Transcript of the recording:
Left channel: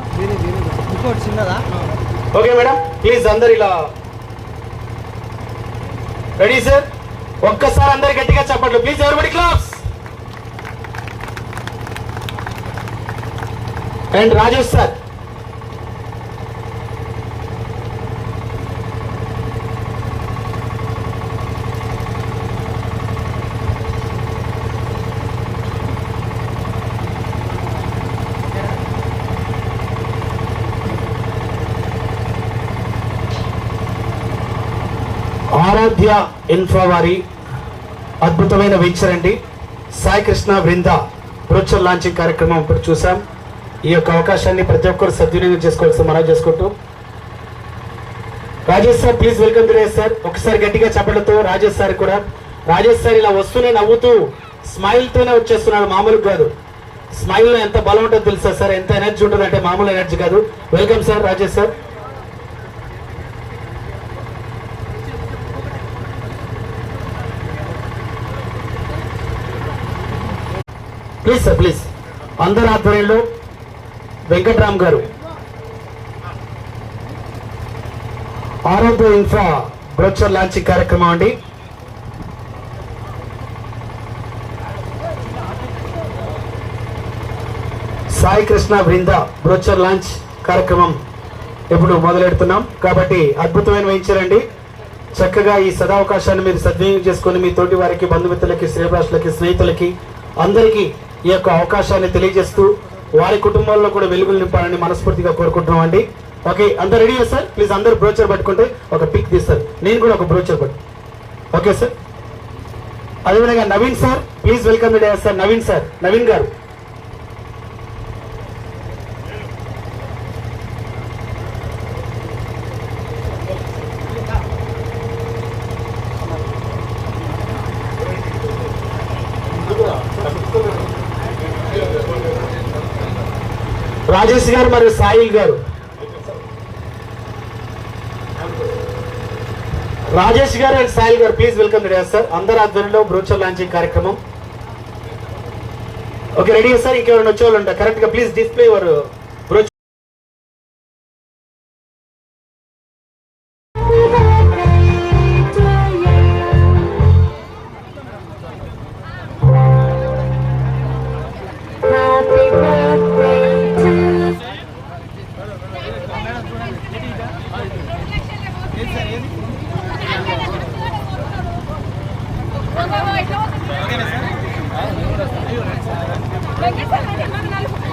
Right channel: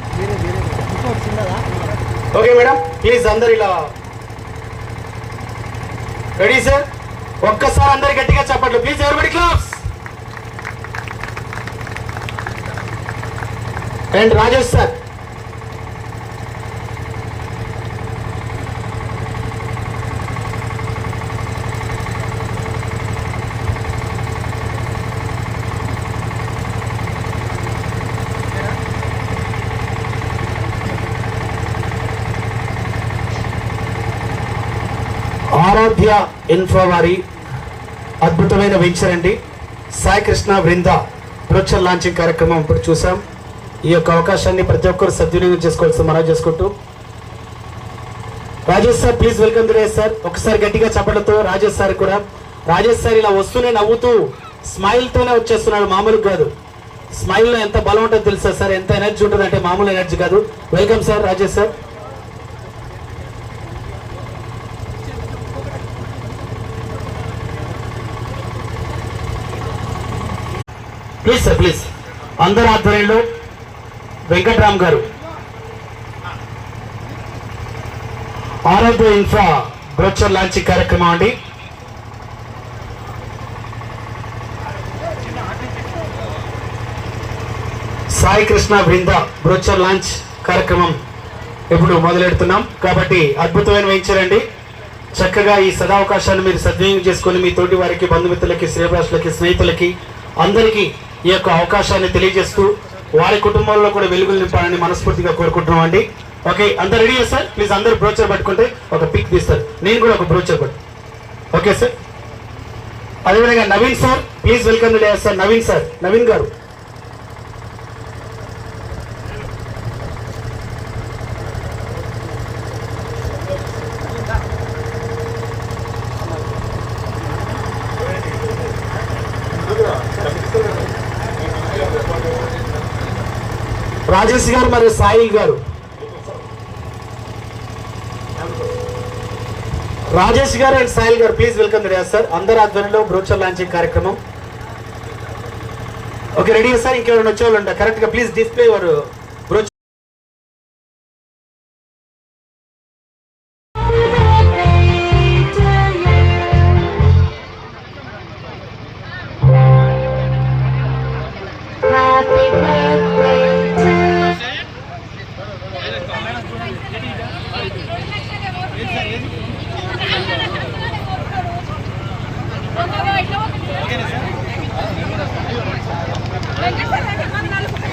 Okay madam, please అందరు ఇలా ready sir. ఒక్కసారి అందరు గట్టిగా చెప్పండి ప్లీజ్. ఎవరిబడి claps. And Rajesh sir. Aradhya info వారి అద్భుతమైన వెంచర్ అండి సాయి కృష్ణ బృంద బ్రోచర్ లాంచింగ్ కార్యక్రమం ఇప్పుడు చూసాం. ఈ యొక్క అవకాశాన్ని ప్రతి ఒక్కరు సద్వినియోగం చేసుకోవాల్సి మనం చేసుకుంటూ Rajesh sir please welcome to sir. ఒకసారి గట్టిగా చెప్పడంతో రాజేష్ సార్ కూడా. రాజేష్ సార్ ఇలా వస్తూనే నవ్వుతూ స్మైల్ తోనే వచ్చేస్తున్నాడు, మామూలు కాదు. స్మైల్ లో ఎంత బలం ఉంటుందో తెలుసా సార్, ఎంత ఎనర్జీ ఉంటుంది అంటే మామూలు ఎనర్జీ కాదు. Welcome sir Rajesh sir. Please sir please. అందరి ఆధ్వర్యంలో వెంకట్రామ్ గారు ఆరాధ్య ఇన్ఫ్రా బ్రోచర్ లాంచింగ్ కార్యక్రమం అండి. సాయి కృష్ణ బృంద బ్రోచర్ లాంచ్ కార్యక్రమం ఇప్పుడు మొదలెడుతున్నాం కాబట్టి అద్భుతమైన వెంచర్ చక్కగా ఈ సదావకాశాన్ని మీరు సద్వినియోగం చేసుకుని మీ తోటి వారికి, బంధుమిత్రులకి, శ్రేయభిలాషులకి, స్నేహితులకి అందరికీ ఈ యొక్క అవకాశాన్ని తెలియజేస్తూ వారి కుటుంబాల్లో కూడా వెలుగులు నింపాలని మనస్ఫూర్తిగా కోరుకుంటున్నాం అండి. ఓకే, అందరు రెడీ సార్. ప్లీజ్ అందరు బ్రోచర్ పట్టుకుంటే ఒక పిక్ తీస్తారు. నేను కూడా ఒక బ్రోచర్ పట్టు. Okay sir. అదేవిధంగా Naveen sir please welcome sir. Naveen sir, Naveen గారు. రాజేష్ గారు మరియు సాయిల్ గారు. రాజేష్ గారు అండ్ సాయిల్ గారు ప్లీజ్ వెల్కమ్ సార్. అందరి ఆధ్వర్యంలో బ్రోచర్ లాంచింగ్ కార్యక్రమం. Okay ready sir. ఇంకెవరైనా వచ్చే వాళ్ళు ఉంటారు కరెక్ట్ గా ప్లీజ్ డిస్ప్లే వారు